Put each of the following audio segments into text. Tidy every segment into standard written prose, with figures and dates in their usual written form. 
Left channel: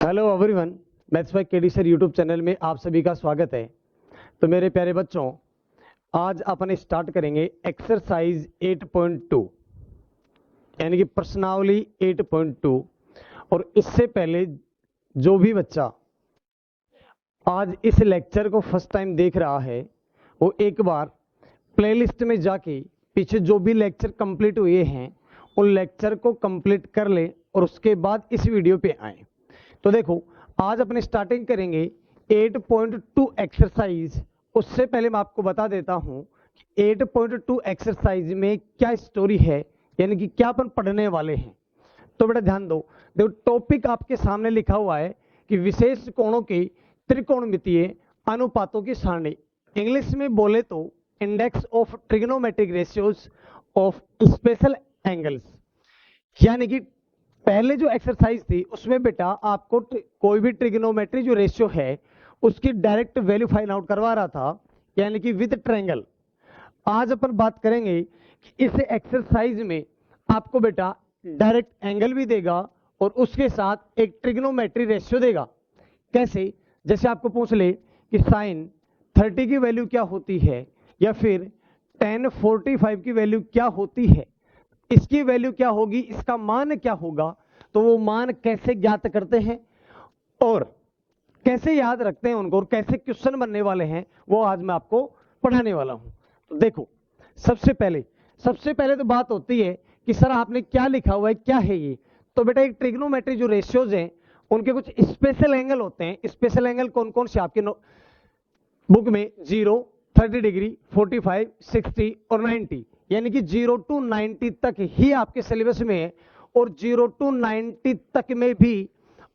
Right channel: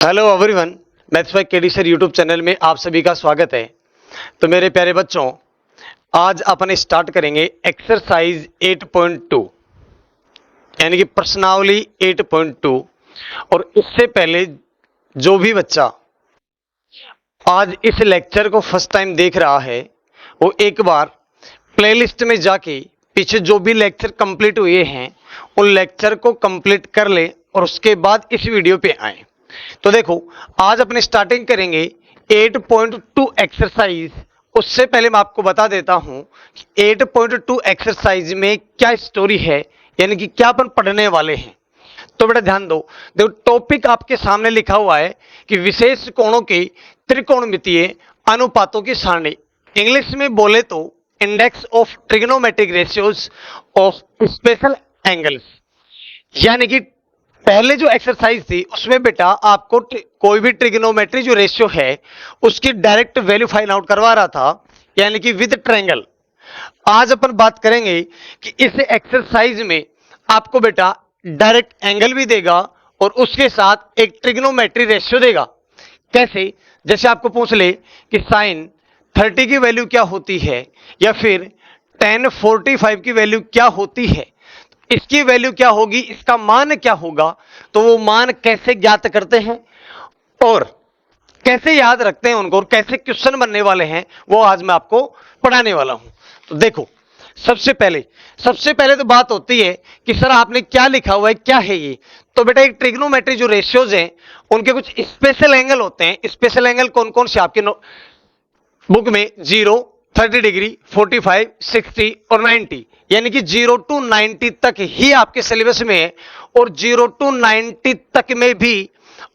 Hello everyone, maths by KD sir YouTube channel में आप सभी का स्वागत है। तो मेरे प्यारे बच्चों, आज अपन स्टार्ट करेंगे एक्सरसाइज 8.2 यानी कि प्रश्नावली 8.2। और इससे पहले जो भी बच्चा आज इस लेक्चर को फर्स्ट टाइम देख रहा है वो एक बार प्लेलिस्ट में जाके पीछे जो भी लेक्चर कंप्लीट हुए हैं उन लेक्चर को कंप्लीट कर ले और उसके बाद इस वीडियो पे आए। तो देखो, आज अपने स्टार्टिंग करेंगे 8.2 एक्सरसाइज। उससे पहले मैं आपको बता देता हूं कि 8.2 एक्सरसाइज में क्या स्टोरी है, यानी कि क्या अपन पढ़ने वाले हैं। तो बेटा ध्यान दो, देखो टॉपिक आपके सामने लिखा हुआ है कि विशेष कोणों के त्रिकोणमितीय अनुपातों की सारणी। इंग्लिश में बोले तो index of trigonometric ratios of special angles. यानी कि पहले जो एक्सरसाइज थी उसमें बेटा आपको कोई भी ट्रिग्नोमेट्री जो रेशियो है उसकी डायरेक्ट वैल्यू फाइंड आउट करवा रहा था, यानी कि विद ट्रायंगल। आज अपन बात करेंगे कि इस एक्सरसाइज में आपको बेटा डायरेक्ट एंगल भी देगा और उसके साथ एक ट्रिग्नोमेट्री रेशियो देगा। कैसे? जैसे आपको पूछ ले कि साइन 30 की वैल्यू क्या होती है या फिर tan 45 की वैल्यू क्या होती है, इसकी वैल्यू क्या होगी, इसका मान क्या होगा, तो वो मान कैसे ज्ञात करते हैं और कैसे याद रखते हैं उनको और कैसे क्वेश्चन बनने वाले हैं, वो आज मैं आपको पढ़ाने वाला हूं। तो देखो, सबसे पहले तो बात होती है कि सर आपने क्या लिखा हुआ है, क्या है ये। तो बेटा एक ट्रिग्नोमेट्री जो रेशियोज हैं उनके कुछ स्पेशल एंगल होते हैं। स्पेशल एंगल कौन कौन से आपके बुक में 0, 30 डिग्री, 45, 60 और 90, यानी कि 0 to 90 तक ही आपके सिलेबस में है। और 0 to 90 तक में भी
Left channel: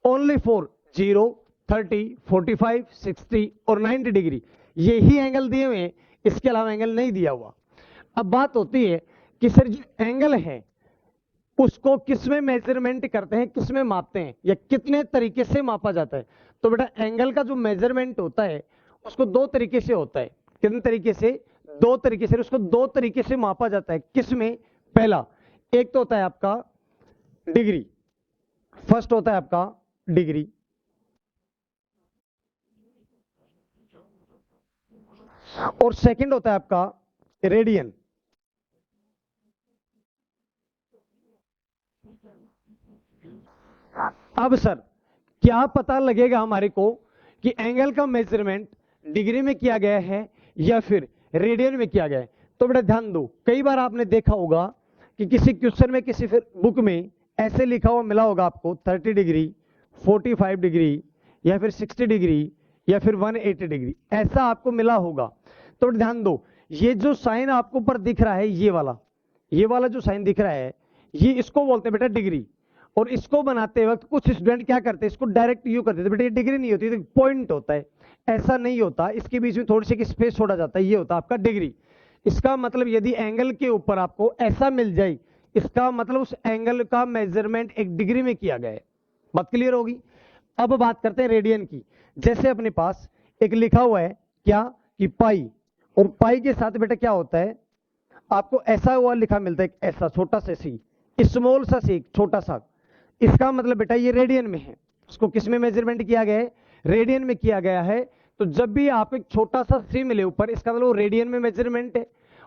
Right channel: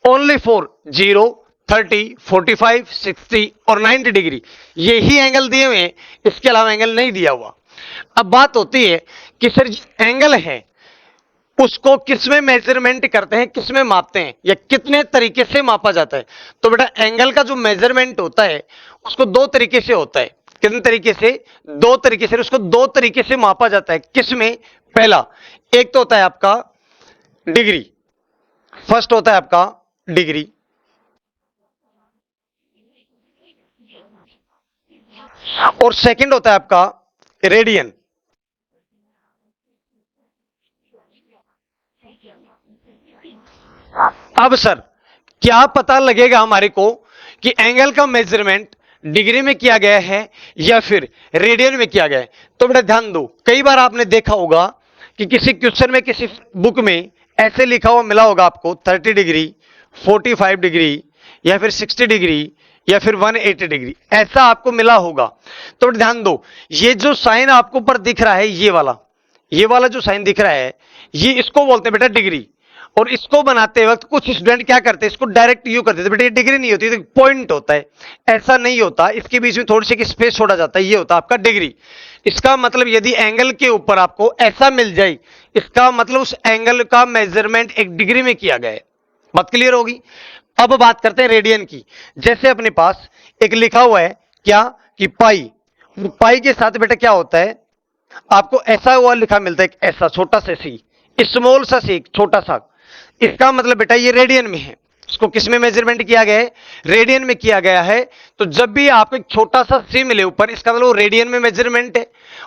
ओनली फॉर 0, 30, 45, 60 और 90 डिग्री ये ही एंगल दिए हुए हैं, इसके अलावा एंगल नहीं दिया हुआ। अब बात होती है कि सर जो एंगल है उसको किसमें मेजरमेंट करते हैं, किसमें मापते हैं, या कितने तरीके से मापा जाता है। तो बेटा एंगल का जो मेजरमेंट होता है उसको दो तरीके से होता है। कितने तरीके से? दो तरीके से। उसको दो तरीके से मापा जाता है। किसमें? पहला एक तो होता है आपका डिग्री, फर्स्ट होता है आपका डिग्री, और सेकंड होता है आपका रेडियन। अब सर क्या पता लगेगा हमारे को कि एंगल का मेजरमेंट डिग्री में किया गया है या फिर रेडियन में किया गया है। तो बेटा ध्यान दो, कई बार आपने देखा होगा कि किसी क्वेश्चन में, किसी बुक में ऐसे लिखा हुआ मिला होगा आपको 30 डिग्री, 45 डिग्री या फिर 60 डिग्री या फिर 180 डिग्री, ऐसा आपको मिला होगा। तो ध्यान दो, ये जो साइन आपको ऊपर दिख रहा है, ये वाला जो साइन दिख रहा है, ये इसको बोलते हैं बेटा डिग्री। और इसको बनाते वक्त कुछ स्टूडेंट क्या करते हैं, इसको डायरेक्ट यू करते थे, बेटा ये डिग्री नहीं होती, तो पॉइंट होता है। ऐसा नहीं होता, इसके बीच में थोड़ी सी स्पेस छोड़ा जाता है, ये होता है आपका डिग्री। इसका मतलब यदि एंगल के ऊपर आपको ऐसा मिल जाए, इसका मतलब उस एंगल का मेजरमेंट एक डिग्री में किया गया है। बात क्लियर होगी। अब बात करते हैं रेडियन की। जैसे अपने पास एक लिखा हुआ है क्या कि पाई, और पाई के साथ बेटा क्या होता है, आपको ऐसा हुआ लिखा मिलता है, ऐसा छोटा सा सी, स्मॉल सा सी, छोटा सा। इसका मतलब बेटा ये रेडियन में है। इसको किस में मेजरमेंट किया गया है? रेडियन में किया गया है। तो जब भी आपको एक छोटा सा सी मिले ऊपर, इसका मतलब रेडियन में मेजरमेंट है।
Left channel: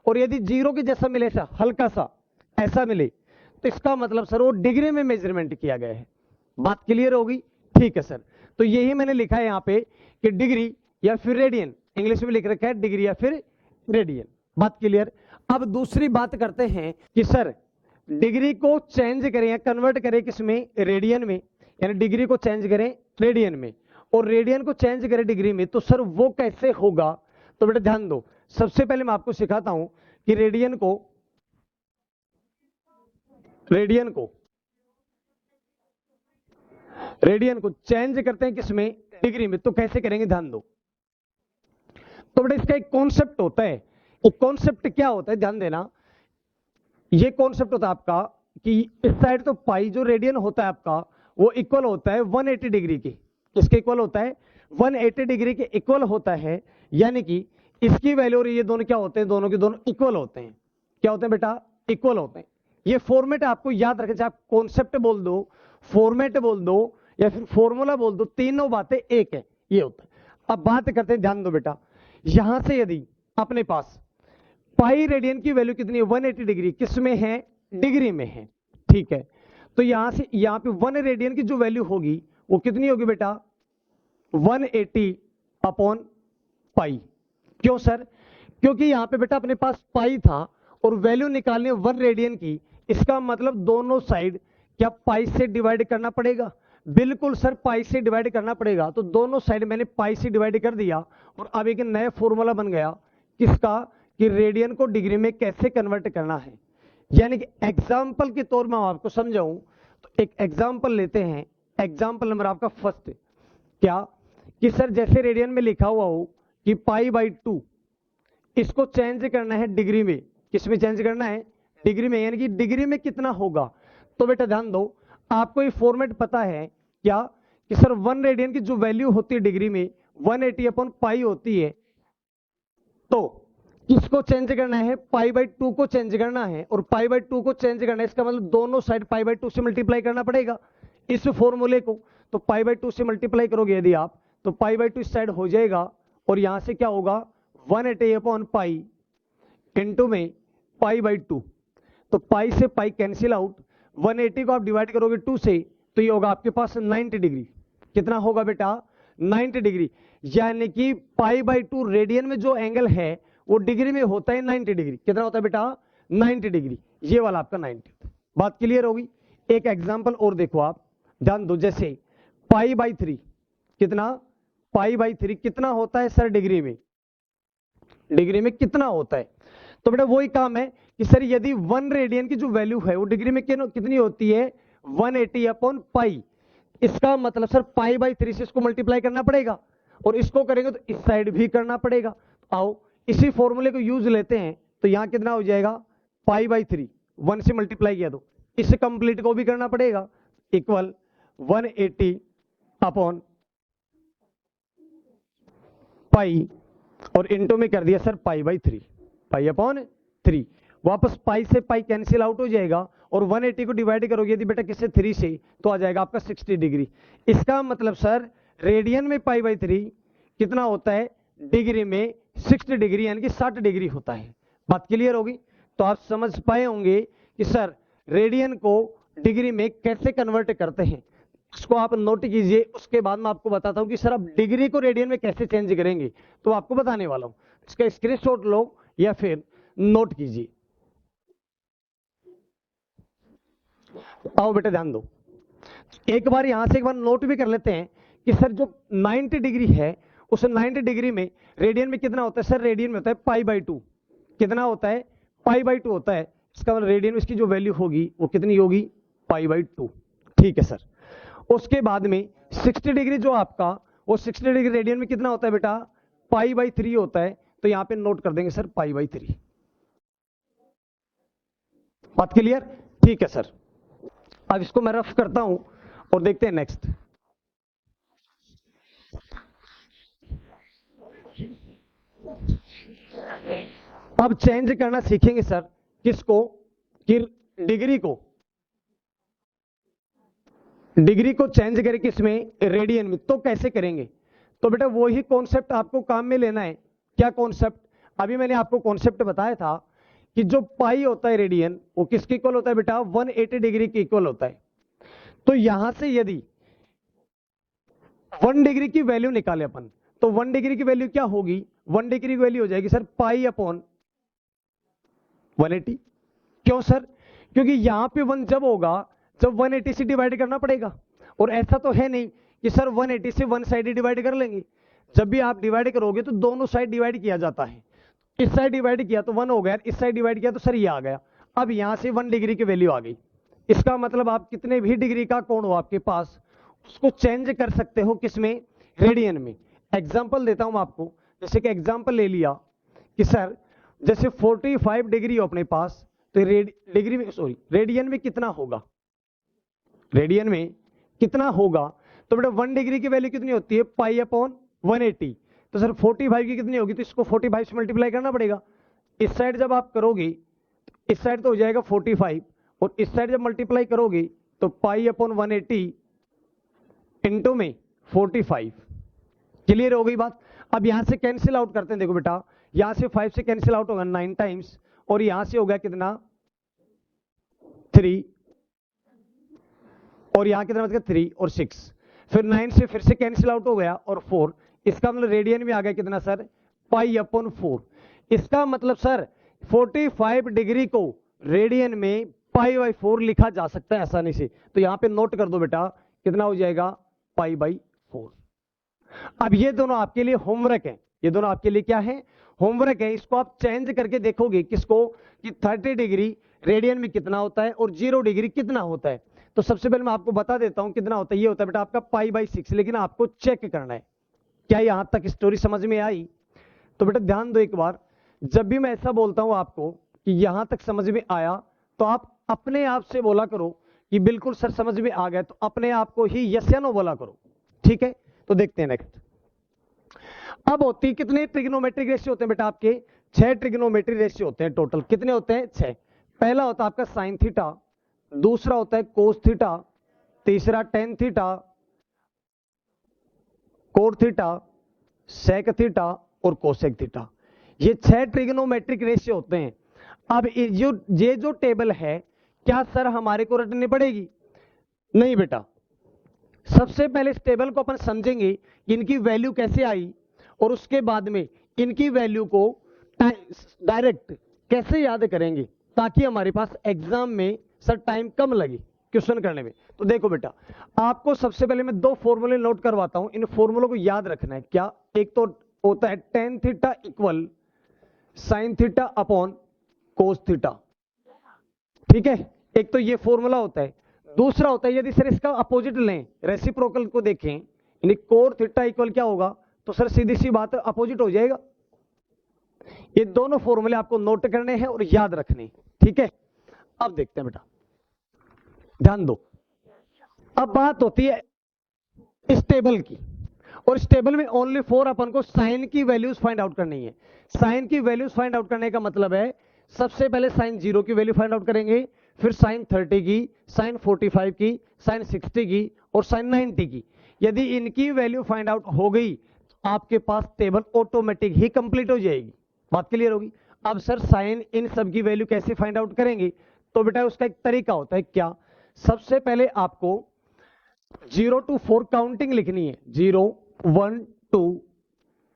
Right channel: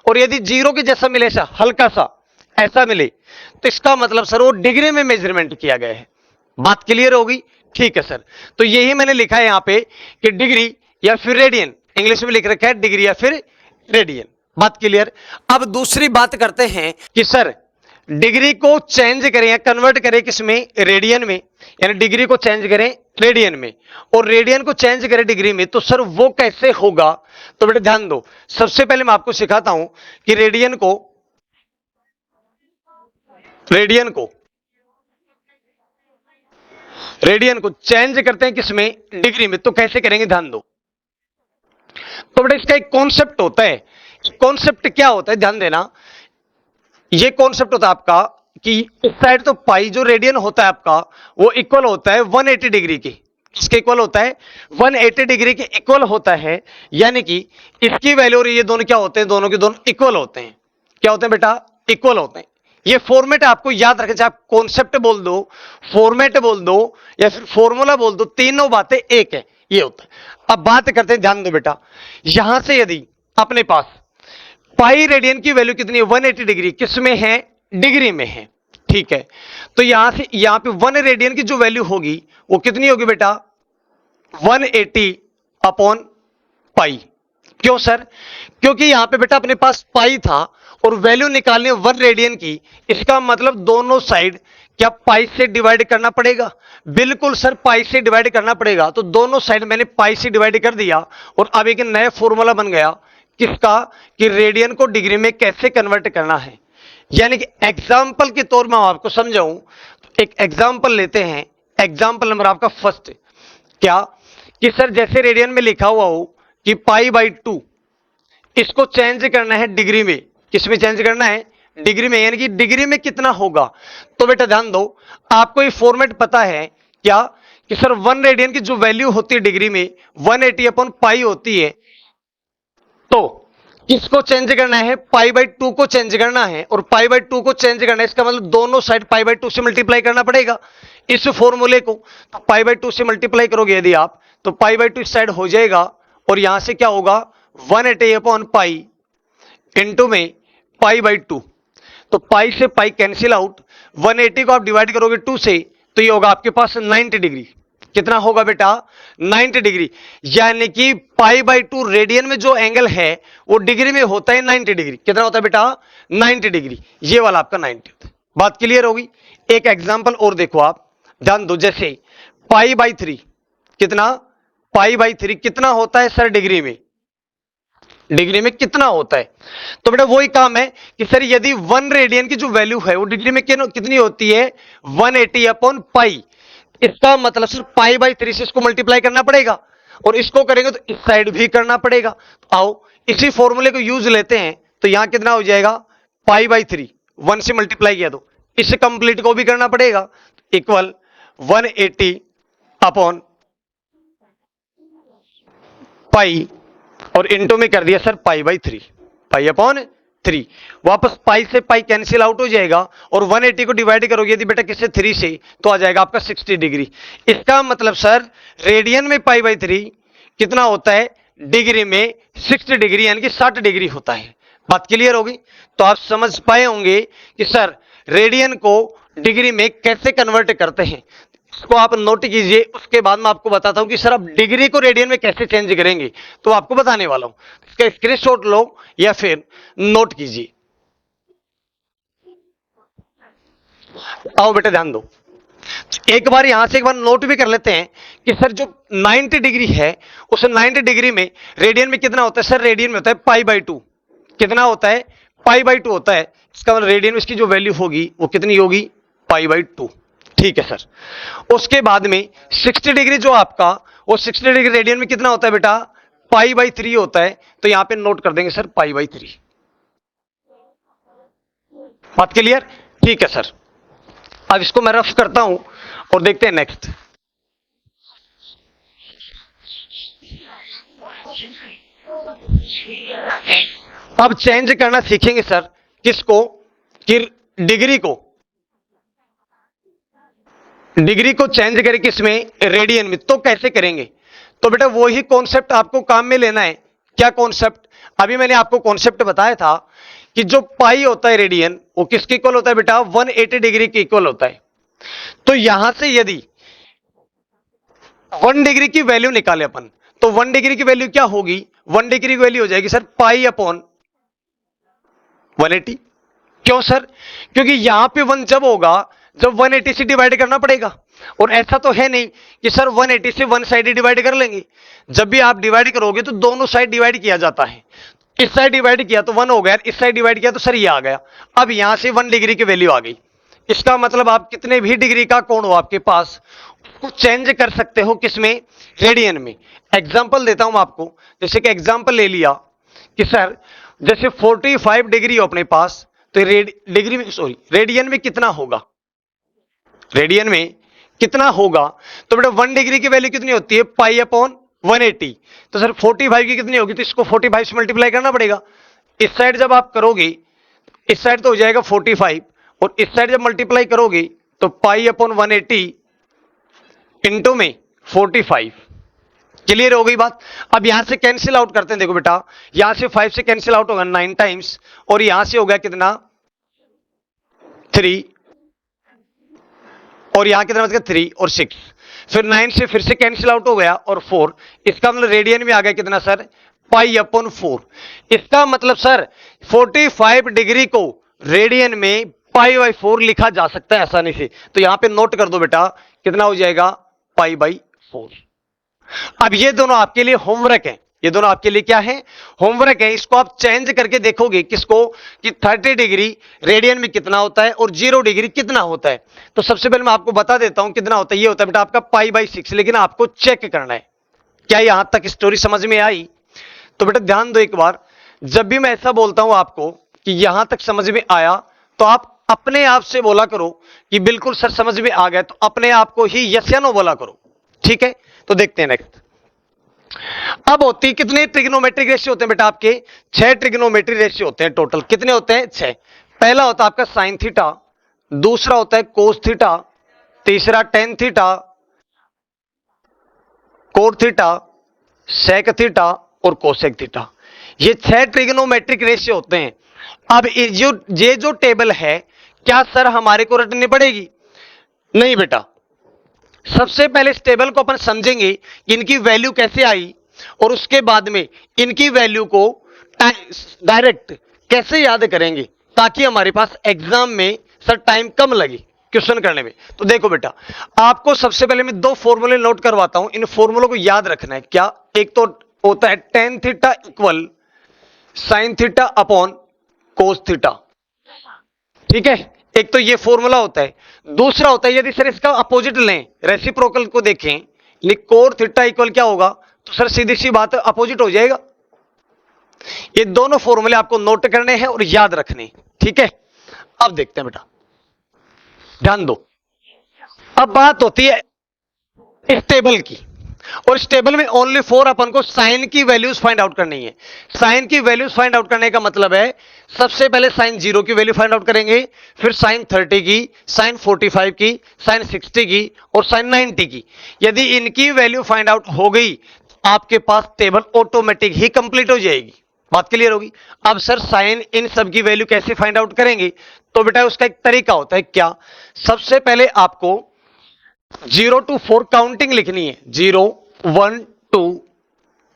और यदि जीरो के जैसा मिले, ऐसा हल्का सा ऐसा मिले, तो इसका मतलब सर वो डिग्री में मेजरमेंट किया गया है। बात क्लियर होगी? ठीक है सर। तो यही मैंने लिखा है यहां पे कि डिग्री या फिर रेडियन, इंग्लिश में लिख रखा है डिग्री या फिर रेडियन। बात क्लियर। अब दूसरी बात करते हैं कि सर डिग्री को चेंज करें या कन्वर्ट करें किसमें? रेडियन में। यानी डिग्री को चेंज करें रेडियन में और रेडियन को चेंज करें डिग्री में, तो सर वो कैसे होगा? तो बेटा ध्यान दो, सबसे पहले मैं आपको सिखाता हूं कि रेडियन को चेंज करते हैं किसमें? डिग्री में। तो कैसे करेंगे, ध्यान दो। तो बेटा इसका एक कॉन्सेप्ट होता है। एक कॉन्सेप्ट क्या होता है, ध्यान देना। ये कॉन्सेप्ट होता है आपका कि इस साइड तो पाई जो रेडियन होता है आपका, वो इक्वल होता है 180 डिग्री के। किसके इक्वल होता है? 180 डिग्री के इक्वल होता है। यानी कि इसकी वैल्यू और ये दोनों क्या होते हैं? दोनों के दोनों इक्वल होते हैं। क्या होते हैं बेटा? इक्वल होते हैं। ये फॉर्मेट आपको याद रखें, चाहे आप कॉन्सेप्ट बोल दो, फॉर्मेट बोल दो या फिर फॉर्मूला बोल दो, तीनों बातें एक है, ये होता है। अब बात करते हैं, ध्यान दो बेटा, यहां से यदि अपने पास पाई रेडियन की वैल्यू कितनी है, 180 डिग्री, किस में है, डिग्री में है, ठीक है। तो यहां से यहां पे 1 रेडियन की जो वैल्यू होगी वो कितनी होगी बेटा, 180 अपॉन पाई। क्यों सर, क्योंकि यहां पे बेटा अपने पास पाई था और वैल्यू निकालनी है 1 रेडियन की, इसका मतलब दोनों साइड क्या पाई से डिवाइड करना पड़ेगा, बिल्कुल सर पाई से डिवाइड करना पड़ेगा। तो दोनों साइड मैंने पाई से डिवाइड कर दिया और अब एक नया फॉर्मूला बन गया किसका, कि रेडियन को डिग्री में कैसे कन्वर्ट करना है। यानी कि एग्जाम्पल के तौर में आपको समझाऊं तो एक एग्जाम्पल लेते हैं, एग्जाम्पल नंबर आपका फर्स्ट, क्या कि सर जैसे रेडियन में लिखा हुआ हो कि पाई बाई 2, इसको चेंज करना है डिग्री में, किस में चेंज करना है, डिग्री में, यानी कि डिग्री में कितना होगा। तो बेटा ध्यान दो, आपको ये फॉर्मेट पता है क्या, कि सर 1 रेडियन की जो वैल्यू होती है डिग्री में 180 अपॉन पाई होती है, तो किसको चेंज करना है, पाई बाई 2 को चेंज करना है, और पाई बाई 2 को चेंज करना है इसका मतलब दोनों साइड पाई बाई 2 से मल्टीप्लाई करना पड़ेगा इस फॉर्मूले को। तो पाई बाई 2 से मल्टीप्लाई करोगे यदि आप, तो पाई बाई 2 इस साइड हो जाएगा और यहां से क्या होगा 180 अपॉन पाई इंटू में पाई बाई 2। तो पाई से पाई कैंसिल आउट, 180 को आप डिवाइड करोगे 2 से तो ये होगा आपके पास 90 डिग्री। कितना होगा बेटा, 90 डिग्री। यानी कि पाई बाई 2 रेडियन में जो एंगल है वो डिग्री में होता है 90 डिग्री। कितना होता है बेटा, 90 डिग्री। ये वाला आपका 90 होता है। बात क्लियर होगी। एक एग्जांपल और देखो आप, ध्यान दो, जैसे पाई बाई 3, कितना, पाई बाई 3 कितना होता है सर डिग्री में, डिग्री में कितना होता है। तो बेटा वही काम है कि सर यदि 1 रेडियन की जो वैल्यू है वो डिग्री में कितनी होती है, 180 अपॉन पाई, इसका मतलब सर पाई बाई 3 से इसको मल्टीप्लाई करना पड़ेगा और इसको करेंगे तो इस साइड भी करना पड़ेगा। तो आओ इसी फॉर्मूले को यूज लेते हैं, तो यहां कितना हो जाएगा, पाई बाई 3 1 से मल्टीप्लाई किया तो इस कंप्लीट को भी करना पड़ेगा, इक्वल 180 अपॉन पाई और इंटू में कर दिया sir pi by 3, pi upon 3। वापस पाई से पाई कैंसिल आउट हो जाएगा और 180 को डिवाइड करोगे यदि बेटा किससे, 3 से, तो आ जाएगा आपका 60 डिग्री। इसका मतलब सर रेडियन में पाई बाई 3 कितना होता है, डिग्री में 60 डिग्री, यानी कि 60 डिग्री होता है। बात क्लियर होगी। तो आप समझ पाए होंगे कि सर रेडियन को डिग्री में कैसे कन्वर्ट करते हैं। इसको आप नोट कीजिए, उसके बाद मैं आपको बताता हूं कि सर आप डिग्री को रेडियन में कैसे चेंज करेंगे, तो आपको बताने वाला हूं। इसका स्क्रीनशॉट लो या फिर नोट कीजिए। आओ बेटा ध्यान दो, एक बार यहां से एक बार नोट भी कर लेते हैं कि सर जो 90 डिग्री है उस 90 डिग्री में रेडियन में कितना होता है, सर रेडियन में होता है पाई बाई 2। कितना होता है, पाई बाई 2 होता है। इसका मतलब रेडियन में इसकी जो वैल्यू होगी वो कितनी होगी, पाई बाई 2। ठीक है सर। उसके बाद में 60 डिग्री जो आपका, वो 60 डिग्री रेडियन में कितना होता है बेटा, पाई बाई 3 होता है। तो यहां पे नोट कर देंगे सर पाई बाई 3। बात क्लियर, ठीक है सर। अब इसको मैं रफ करता हूं और देखते हैं नेक्स्ट। अब चेंज करना सीखेंगे सर, किसको, कि डिग्री को, डिग्री को चेंज करें किसमें, रेडियन में। तो कैसे करेंगे, तो बेटा वही कॉन्सेप्ट आपको काम में लेना है। क्या कॉन्सेप्ट, अभी मैंने आपको कॉन्सेप्ट बताया था कि जो पाई होता है रेडियन, वो किसके इक्वल होता है बेटा, 180 डिग्री के इक्वल होता है। तो यहां से यदि 1 डिग्री की वैल्यू निकाले अपन, तो 1 डिग्री की वैल्यू क्या होगी, 1 डिग्री की वैल्यू हो जाएगी सर पाई अपॉन 180। क्यों सर, क्योंकि यहां पे 1 जब होगा जब 180 से डिवाइड करना पड़ेगा, और ऐसा तो है नहीं कि सर 180 से 1 साइड डिवाइड कर लेंगे। जब भी आप डिवाइड करोगे तो दोनों साइड डिवाइड किया जाता है। इस साइड डिवाइड किया तो 1 हो गया, इस साइड डिवाइड किया तो सर ये आ गया। अब यहां से 1 डिग्री की वैल्यू आ गई। इसका मतलब आप कितने भी डिग्री का कोण हो आपके पास, उसको चेंज कर सकते हो किसमें, रेडियन में। एग्जाम्पल देता हूं आपको, जैसे कि एग्जाम्पल ले लिया कि सर जैसे 45 डिग्री हो अपने पास, तो डिग्री में, सॉरी, रेडियन में कितना होगा, रेडियन में कितना होगा। तो बेटा 1 डिग्री की वैल्यू कितनी होती है, पाई अपॉन 180। तो सर 45 की कितनी होगी, तो इसको 45 से मल्टीप्लाई करना पड़ेगा। इस साइड जब आप करोगे, इस साइड तो हो जाएगा 45 और इस साइड जब मल्टीप्लाई करोगे तो पाई अपॉन 180 इंटू में 45। क्लियर हो गई बात। अब यहां से कैंसिल आउट करते हैं, देखो बेटा यहां से 5 से कैंसिल आउट होगा 9 टाइम्स, और यहां से हो गया कितना 3, और यहां कितना बच गया 3 और 6, फिर 9 से फिर से कैंसिल आउट हो गया और 4। इसका मतलब रेडियन में आ गया कितना सर, पाई अपॉन 4। इसका मतलब सर 45 डिग्री को रेडियन में पाई बाई 4 लिखा जा सकता है आसानी से। तो यहां पे नोट कर दो बेटा कितना हो जाएगा, पाई बाई 4। अब ये दोनों आपके लिए होमवर्क है, ये दोनों आपके लिए क्या है, होमवर्क है। इसको आप चेंज करके देखोगे किसको, कि 30 डिग्री रेडियन में कितना होता है और 0 डिग्री कितना होता है। तो सबसे पहले मैं आपको बता देता हूं कितना होता है। ये होता है बेटा आपका पाई बाई 6, लेकिन आपको चेक करना है। क्या यहां तक स्टोरी समझ में आई? तो बेटा ध्यान दो एक बार, जब भी मैं ऐसा बोलता हूं आपको कि यहां तक समझ में आया, तो आप अपने आप से बोला करो कि बिल्कुल सर समझ में आ गया, तो अपने आप को ही यस या नो बोला करो। ठीक है, तो देखते हैं नेक्स्ट। अब होती कितने ट्रिग्नोमेट्रिक रेशियो होते हैं बेटा आपके, 6 ट्रिग्नोमेट्रिक रेशियो होते हैं टोटल। कितने होते हैं, 6। पहला होता है आपका साइन थीटा, दूसरा होता है कोस थीटा, तीसरा tan theta, cot theta, sec theta और कोसेक थीटा। ये 6 ट्रिग्नोमेट्रिक रेशियो होते हैं। अब ये जो टेबल है, क्या सर हमारे को रटनी पड़ेगी? नहीं बेटा, सबसे पहले इस टेबल को अपन समझेंगे इनकी वैल्यू कैसे आई, और उसके बाद में इनकी वैल्यू को डायरेक्ट कैसे याद करेंगे, ताकि हमारे पास एग्जाम में सर टाइम कम लगे क्वेश्चन करने में। तो देखो बेटा, आपको सबसे पहले मैं 2 फॉर्मूले नोट करवाता हूं, इन फॉर्मूलों को याद रखना है। क्या, एक तो होता है tan theta equal sine theta upon cos theta. ठीक है, एक तो ये फॉर्मूला होता है। दूसरा होता है, यदि सर इसका अपोजिट लें, रेसिप्रोकल को देखें, कोट थीटा इक्वल क्या होगा, तो सर सीधी सी बात अपोजिट हो जाएगा। ये दोनों फॉर्मूले आपको नोट करने हैं और याद रखने। ठीक है, अब देखते हैं बेटा, ध्यान दो। अब बात होती है इस टेबल की, और इस टेबल में ओनली 4 अपन को साइन की वैल्यूज फाइंड आउट करनी है। साइन की वैल्यूज फाइंड आउट करने का मतलब है, सबसे पहले साइन 0 की वैल्यू फाइंड आउट करेंगे, फिर साइन 30 की, साइन 45 की, साइन 60 की और साइन 90 की। यदि इनकी वैल्यू फाइंड आउट हो गई, आपके पास टेबल ऑटोमेटिक ही कंप्लीट हो जाएगी। बात क्लियर होगी। अब सर साइन इन सब की वैल्यू कैसे फाइंड आउट करेंगे, तो बेटा उसका एक तरीका होता है। क्या, सबसे पहले आपको 0 to 4 काउंटिंग लिखनी है, 0 1 2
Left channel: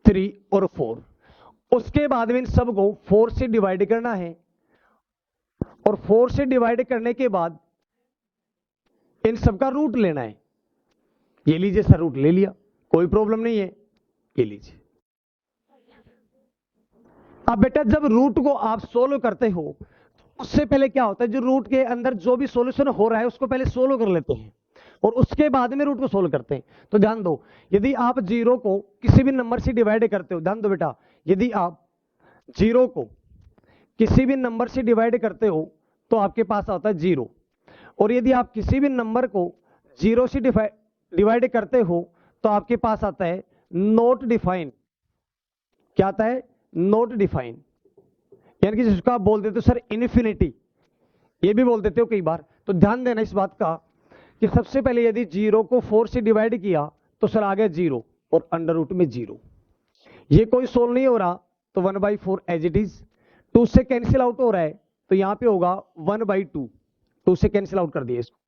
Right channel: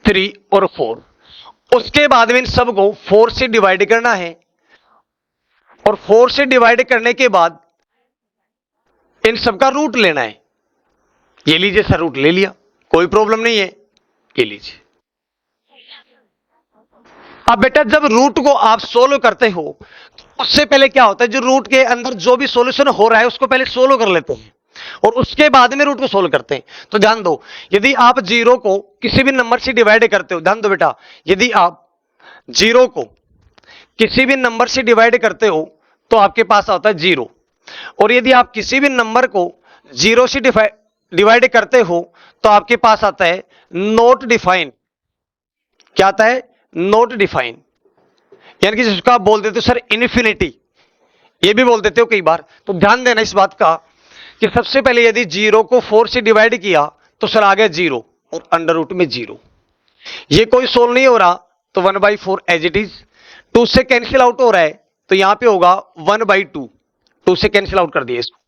3 और 4। उसके बाद में इन सबको 4 से डिवाइड करना है, और 4 से डिवाइड करने के बाद इन सबका रूट लेना है। ये लीजिए सर, रूट ले लिया, कोई प्रॉब्लम नहीं है, ये लीजिए। अब बेटा जब रूट को आप सोल्व करते हो, तो उससे पहले क्या होता है, जो रूट के अंदर जो भी सॉल्यूशन हो रहा है उसको पहले सोल्व कर लेते हैं, और उसके बाद में रूट को सोल्व करते हैं। तो ध्यान दो, यदि आप 0 को किसी भी नंबर से डिवाइड करते हो, ध्यान दो बेटा, यदि आप 0 को किसी भी नंबर से डिवाइड करते हो तो आपके पास आता है 0, और यदि आप किसी भी नंबर को 0 से डिवाइड करते हो तो आपके पास आता है नॉट डिफाइन। क्या आता है, नॉट डिफाइन, यानी कि जिसको आप बोल देते हो सर इन्फिनिटी, ये भी बोल देते हो कई बार। तो ध्यान देना इस बात का कि सबसे पहले यदि 0 को 4 से डिवाइड किया तो सर आ गया 0 और अंडर रूट में 0। ये कोई सोल्व नहीं हो रहा तो 1/4 एज इट इज। 2 से कैंसिल आउट हो रहा है तो यहां पे होगा 1/2, 2 से कैंसिल आउट कर दिया इसको।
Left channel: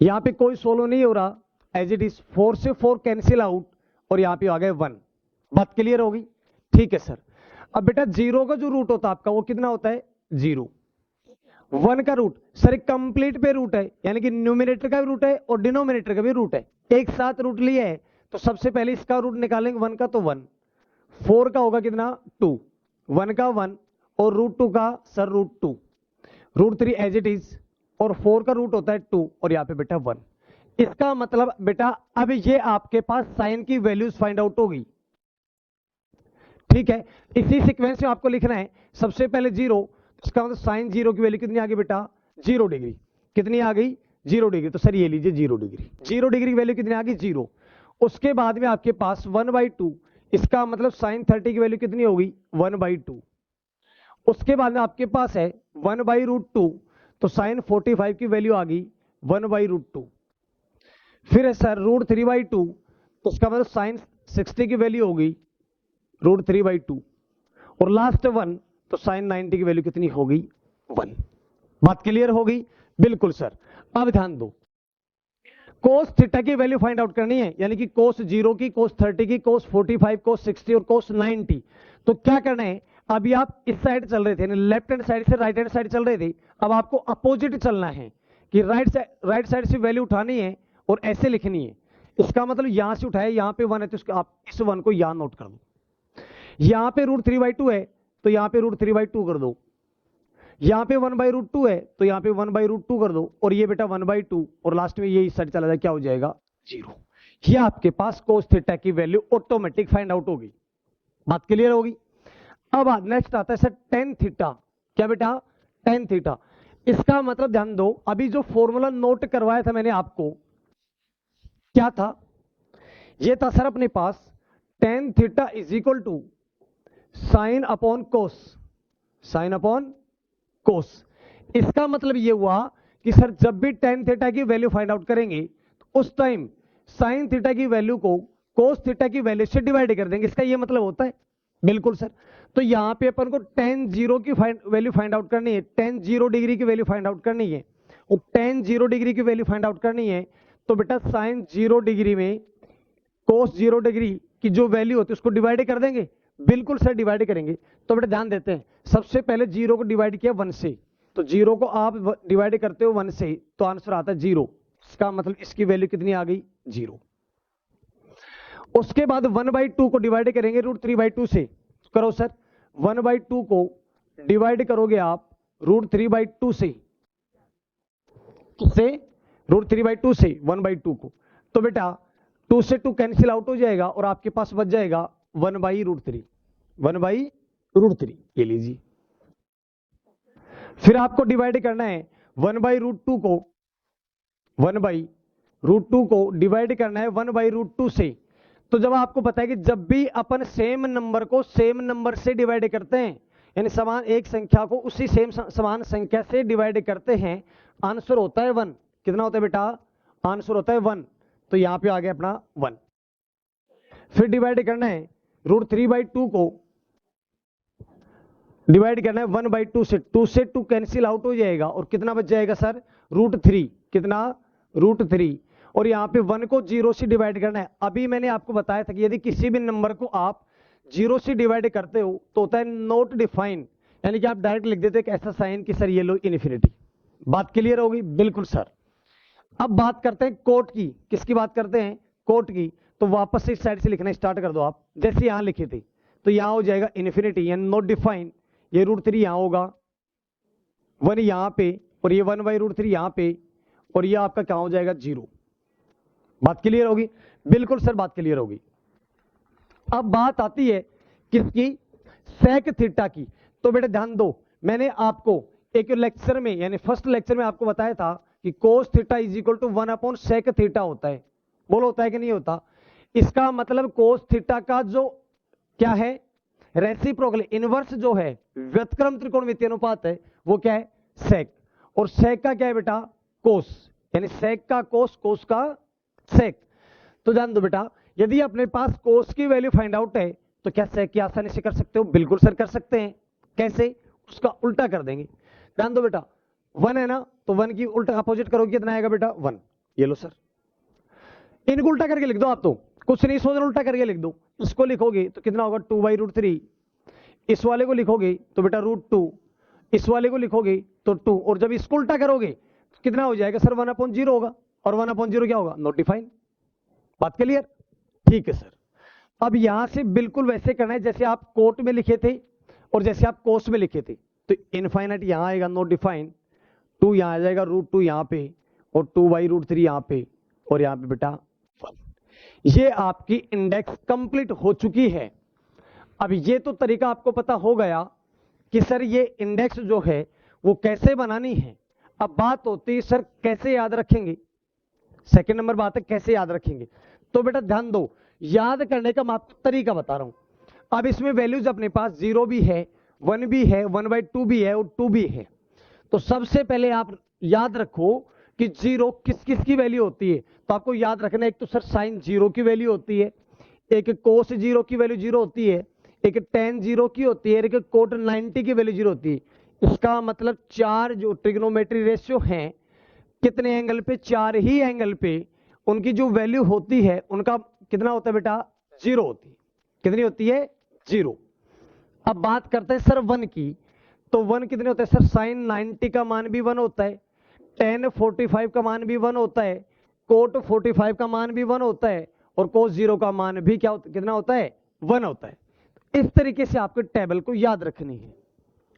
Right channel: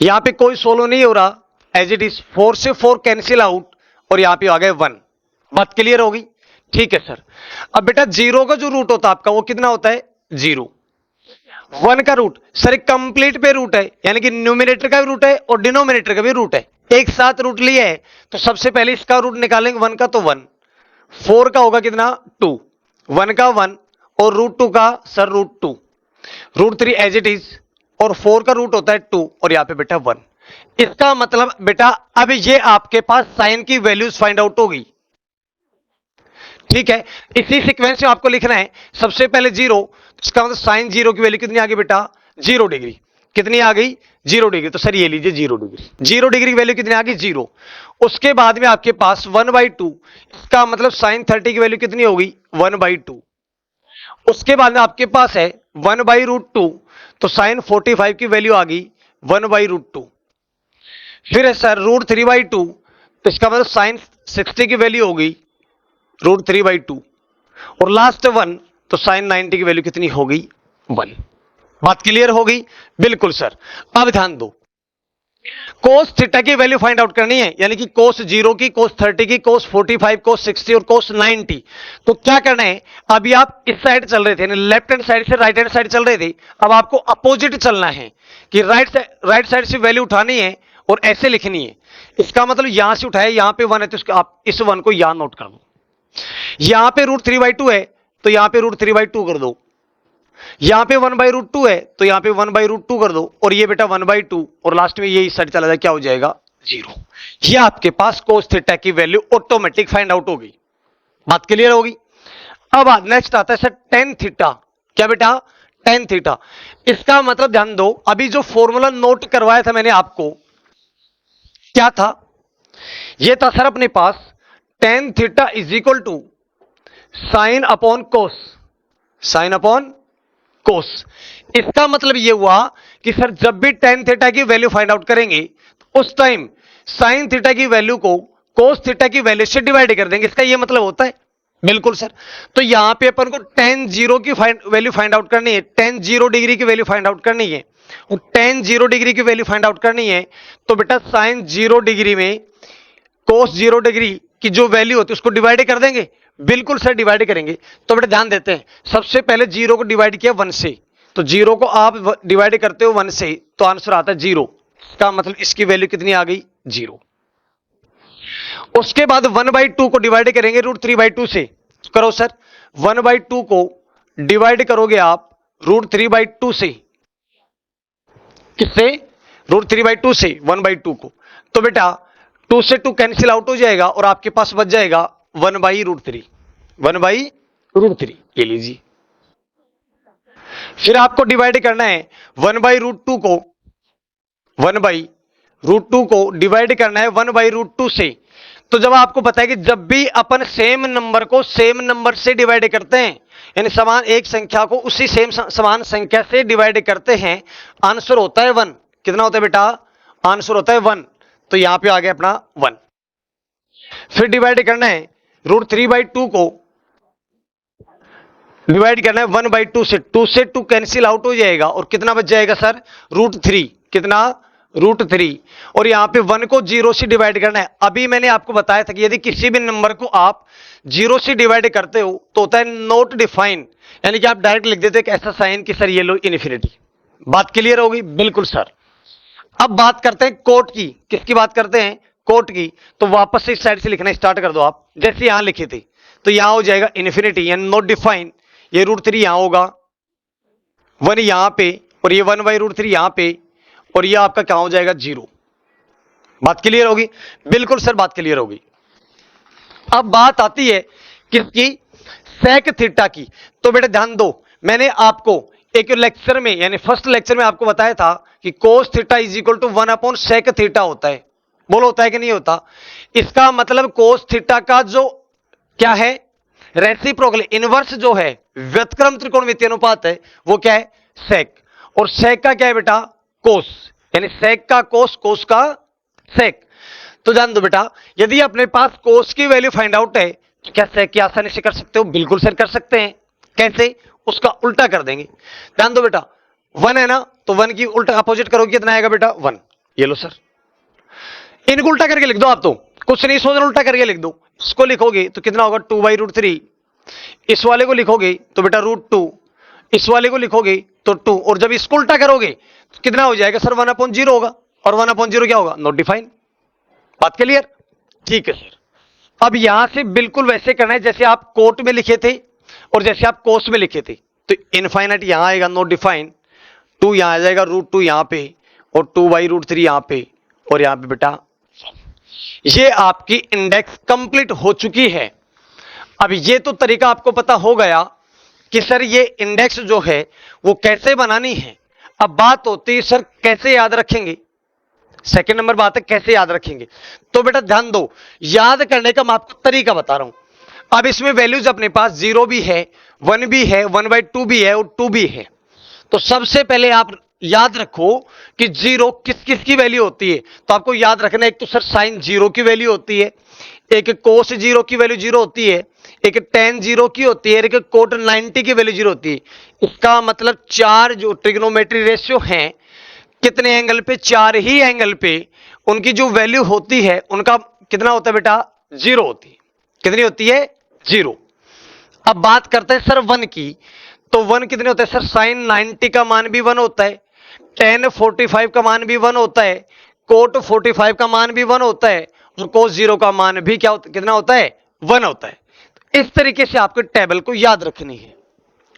यहां पे कोई सोल्व नहीं हो रहा, एज इट इज। 4 से 4 कैंसिल आउट और यहां पे आ गए 1। बात क्लियर होगी? ठीक है सर। अब बेटा 0 का जो रूट होता है आपका वो कितना होता है, 0। 1 का रूट सर कंप्लीट पे रूट है, यानी कि न्यूमिनेटर का भी रूट है और डिनोमिनेटर का भी रूट है, एक साथ रूट लिया है। तो सबसे पहले इसका रूट निकालेंगे 1 का, तो 1। 4 का होगा कितना, 2। 1 का 1 और रूट 2 का सर root 2, root 3 as it is, और 4 का रूट होता है 2 और यहां पे बेटा 1। इसका मतलब बेटा अब ये आपके पास साइन की वैल्यूज फाइंड आउट हो गई। ठीक है, इसी सीक्वेंस में आपको लिखना है, सबसे पहले 0, इसका मतलब साइन 0 की वैल्यू कितनी आ गई बेटा, 0 डिग्री। कितनी आ गई, 0 डिग्री। तो सर ये लीजिए 0 डिग्री। 0 डिग्री की वैल्यू कितनी आ गई, 0। उसके बाद में आपके पास 1/2, इसका मतलब साइन 30 की वैल्यू कितनी होगी, 1/2। उसके बाद में आपके पास है 1/√2, तो साइन 45 की वैल्यू आ गई 1/√2। फिर है सर √3/2, तो इसका मतलब साइन 60 की वैल्यू हो गई √3/2। और लास्ट 1, तो साइन 90 की वैल्यू कितनी हो गई 1। बात क्लियर हो गई? बिल्कुल सर। अब ध्यान दो, कोस थीटा की वैल्यू फाइंड आउट करनी है, यानी कि कोस 0 की, कोस 30 की, कोस 45, कोस 60 और कोस 90। तो क्या करना है, अभी आप इस साइड चल रहे थे, यानी लेफ्ट हैंड साइड से राइट हैंड साइड चल रहे थे, अब आपको अपोजिट चलना है कि राइट साइड से वैल्यू उठानी है और ऐसे लिखनी है। इसका मतलब यहां से उठाए, यहां पे 1 है तो आप इस 1 को यहां नोट कर दो। यहां पे √3/2 है तो यहां पे √3/2 कर दो। यहां पे 1/√2 है तो यहां पे 1/√2 कर दो, और ये बेटा 1/2, और लास्ट में ये इस साइड चला जाए, क्या हो जाएगा 0। ये आपके पास कोस थीटा की वैल्यू ऑटोमेटिक फाइंड आउट होगी। बात क्लियर होगी? अब नेक्स्ट आता है सर टेन थीटा। क्या बेटा? Tan theta. इसका मतलब ध्यान दो, अभी जो फॉर्मूला नोट करवाया था मैंने आपको, क्या था? ये था सर अपने पास tan theta is equal to sine upon cos, sine upon cos. इसका मतलब यह हुआ कि सर जब भी टेन थीटा की वैल्यू फाइंड आउट करेंगे उस टाइम साइन थीटा की वैल्यू को कोस थीटा की वैल्यू से डिवाइड कर देंगे। इसका यह मतलब होता है? बिल्कुल सर। तो यहां पे अपन को टेन जीरो की वैल्यू फाइंड आउट करनी है, टेन 0 डिग्री की वैल्यू फाइंड आउट करनी है, और टेन 0 डिग्री की वैल्यू फाइंड आउट करनी है। तो बेटा साइन 0 डिग्री में कोस 0 डिग्री की जो वैल्यू होती है उसको डिवाइड कर देंगे। बिल्कुल सर डिवाइड करेंगे। तो बेटा ध्यान देते हैं, सबसे पहले 0 को डिवाइड किया 1 से, तो 0 को आप डिवाइड करते हो 1 से तो आंसर आता है 0। इसका मतलब इसकी वैल्यू कितनी आ गई 0। उसके बाद 1/2 को डिवाइड करेंगे √3/2 से। करो सर, 1/2 को डिवाइड करोगे आप √3/2 से। किससे? √3/2 से 1/2 को। तो बेटा 2 से 2 कैंसिल आउट हो जाएगा और आपके पास बच जाएगा 1/√3, 1/√3 ये लीजिए। फिर आपको डिवाइड करना है 1/√2 को, 1/√2 को डिवाइड करना है 1/√2 से। तो जब आपको पता है कि जब भी अपन सेम नंबर को सेम नंबर से डिवाइड करते हैं, यानी समान एक संख्या को उसी सेम समान संख्या से डिवाइड करते हैं, आंसर होता है 1। कितना होता है बेटा? आंसर होता है 1। तो यहां पे आ गया अपना 1। फिर डिवाइड करना है √3/2 को, डिवाइड करना है 1/2 से। 2 से 2 कैंसिल आउट हो जाएगा और कितना बच जाएगा सर? √3। कितना? √3। और यहां पे 1 को 0 से डिवाइड करना है। अभी मैंने आपको बताया था कि यदि किसी भी नंबर को आप 0 से डिवाइड करते हो तो होता है नॉट डिफाइन, यानी कि आप डायरेक्ट लिख देते हैं ऐसा साइन कि सर ये लो इन्फिनिटी। बात क्लियर होगी? बिल्कुल सर। अब बात करते हैं कोट की। किसकी बात करते हैं? कोट की। तो वापस से इस साइड से लिखना स्टार्ट कर दो आप, जैसे यहां लिखे थे। तो यहां हो जाएगा इन्फिनिटी यानी नॉट डिफाइन। ये √3 यहां होगा, 1 यहां पे, और ये 1/√3 यहां पे, और ये आपका क्या हो जाएगा 0। बात क्लियर होगी? बिल्कुल सर बात क्लियर होगी। अब बात आती है किसकी? सेक थीटा की। तो बेटा ध्यान दो, मैंने आपको एक लेक्चर में यानी फर्स्ट लेक्चर में आपको बताया था कि cos theta is equal to 1/सेक थीटा होता है। बोलो होता है कि नहीं होता? इसका मतलब कोस थीटा का जो क्या है रेसिप्रोकल इनवर्स जो है व्युत्क्रम त्रिकोणमितीय अनुपात है वो क्या है? सेक। और सेक का क्या है बेटा? कोस, यानी सेक का कोस, कोस का सेक। तो जान दो बेटा, यदि अपने पास कोस की वैल्यू फाइंड आउट है तो क्या सेक की आसानी से कर सकते हो? बिल्कुल सर कर सकते हैं। कैसे? उसका उल्टा कर देंगे। ध्यान दो बेटा, 1 है ना, तो 1 की उल्टा अपोजिट करोगे कितना आएगा बेटा? 1। ये लो सर, इनको उल्टा करके लिख दो। आप तो कुछ नहीं सोचना, उल्टा करके लिख दो। इसको लिखोगे तो कितना होगा? 2/√3। इस वाले को लिखोगे तो बेटा √2, इस वाले को लिखोगे तो 2, और जब इसको उल्टा करोगे तो कितना हो जाएगा सर? 1/0 होगा, और 1/0 क्या होगा? Not define. बात क्लियर? ठीक है सर। अब यहां से बिल्कुल वैसे करना है जैसे आप कोट में लिखे थे और जैसे आप कोस में लिखे थे। तो इनफाइनाइट यहां आएगा नॉट डिफाइन, 2 यहां आ जाएगा, √2 यहां पे, और 2/√3 यहां पे, और यहां पे बेटा ये आपकी इंडेक्स कंप्लीट हो चुकी है। अब ये तो तरीका आपको पता हो गया कि सर ये इंडेक्स जो है वो कैसे बनानी है। अब बात होती है सर कैसे याद रखेंगे। सेकंड नंबर बात है कैसे याद रखेंगे। तो बेटा ध्यान दो, याद करने का मैं आपको तरीका बता रहा हूं। अब इसमें वैल्यूज अपने पास 0 भी है, 1 भी है, 1/2 भी है और 2 भी है। तो सबसे पहले आप याद रखो कि जीरो किस किस की वैल्यू होती है। तो आपको याद रखना, एक तो सर साइन जीरो की वैल्यू होती है, एक कोस जीरो की वैल्यू जीरो होती है, एक टेन जीरो की होती है, एक कोट 90 की वैल्यू जीरो होती है। इसका मतलब चार जो ट्रिग्नोमेट्री रेशियो हैं, कितने एंगल पे, चार ही एंगल पे उनकी जो वैल्यू होती है उनका कितना होता है बेटा, जीरो होती है। कितनी होती है, जीरो। अब बात करते हैं सर वन की, तो वन कितने होते हैं सर, साइन 90 का मान भी वन होता है, टेन 45 का मान भी वन होता है, कोट 45 का मान भी वन होता है, और कोस जीरो का मान भी क्या होता, कितना होता है, वन होता है। इस तरीके से आपको टेबल को याद रखनी है।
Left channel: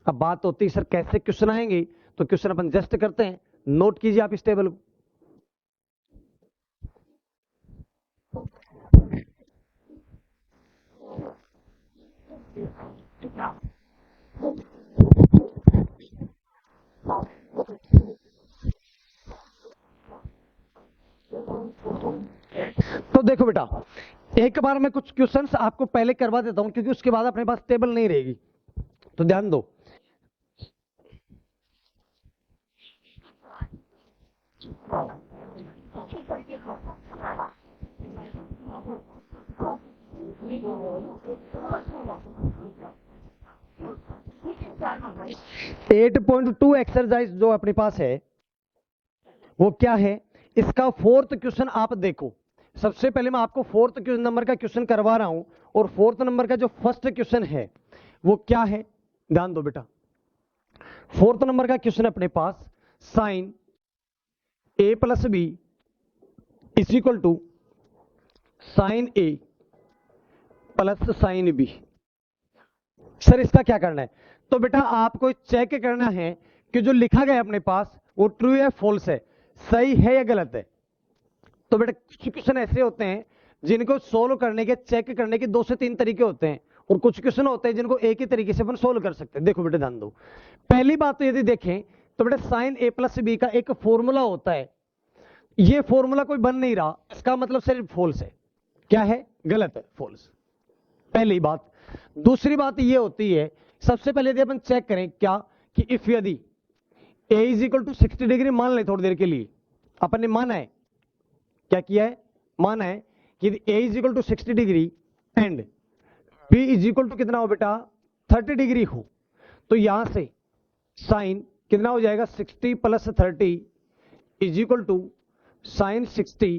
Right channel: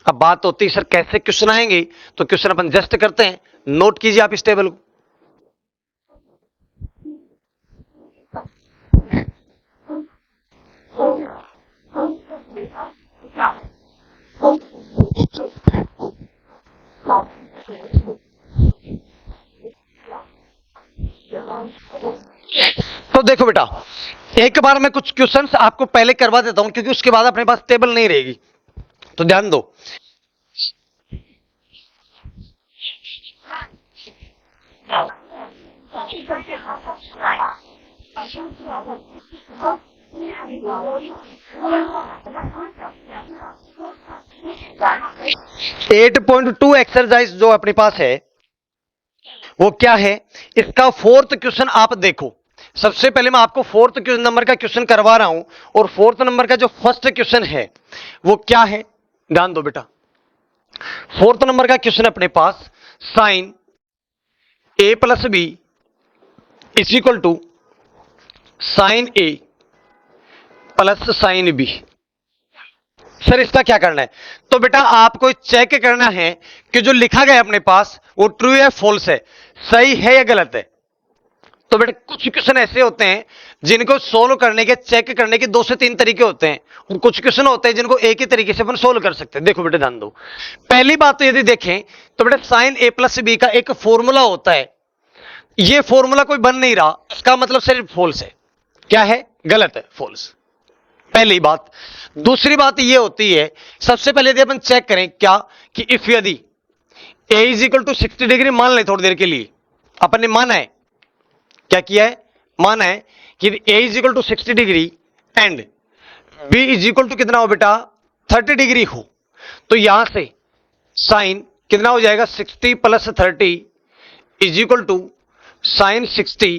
अब बात होती है सर कैसे क्वेश्चन आएंगे, तो क्वेश्चन अपन जस्ट करते हैं, नोट कीजिए आप इस टेबल को। तो देखो बेटा, एक बार मैं कुछ क्वेश्चंस आपको पहले करवा देता हूं, क्योंकि उसके बाद अपने पास टेबल नहीं रहेगी। तो ध्यान दो, एट पॉइंट टू एक्सरसाइज जो अपने पास है वो क्या है, इसका फोर्थ क्वेश्चन आप देखो। सबसे पहले मैं आपको फोर्थ नंबर का क्वेश्चन करवा रहा हूं, और फोर्थ नंबर का जो फर्स्ट क्वेश्चन है वो क्या है, ध्यान दो बेटा। फोर्थ नंबर का क्वेश्चन अपने पास, sine A plus B is equal to sine A plus sine B. Sir इसका क्या करना है, तो बेटा आपको चेक करना है कि जो लिखा गया अपने पास वो ट्रू है फॉल्स है, सही है या गलत है। तो बेटा कुछ क्वेश्चन ऐसे होते हैं जिनको सोल्व करने के, चेक करने के दो से तीन तरीके होते हैं, और कुछ क्वेश्चन होते हैं जिनको एक ही तरीके से अपन सोल्व कर सकते हैं। देखो बेटा ध्यान दो, पहली बात तो यदि देखें तो बेटा साइन ए प्लस बी का एक फॉर्मूला होता है, ये फॉर्मूला कोई बन नहीं रहा, इसका मतलब सिर्फ फॉल्स है। क्या है, गलत है, फॉल्स। पहली बात। दूसरी बात यह होती है, सबसे पहले यदि अपन चेक करें क्या, कि इफ यदि ए इज इक्वल टू 60 डिग्री मान लें, थोड़ी देर के लिए अपन ने माना है, क्या किया है, माना है कि A is equal to 60 degree and B is equal to कितना हो बेटा, 30 डिग्री हो, तो यहां से साइन कितना हो जाएगा, 60 plus 30 is equal to sine 60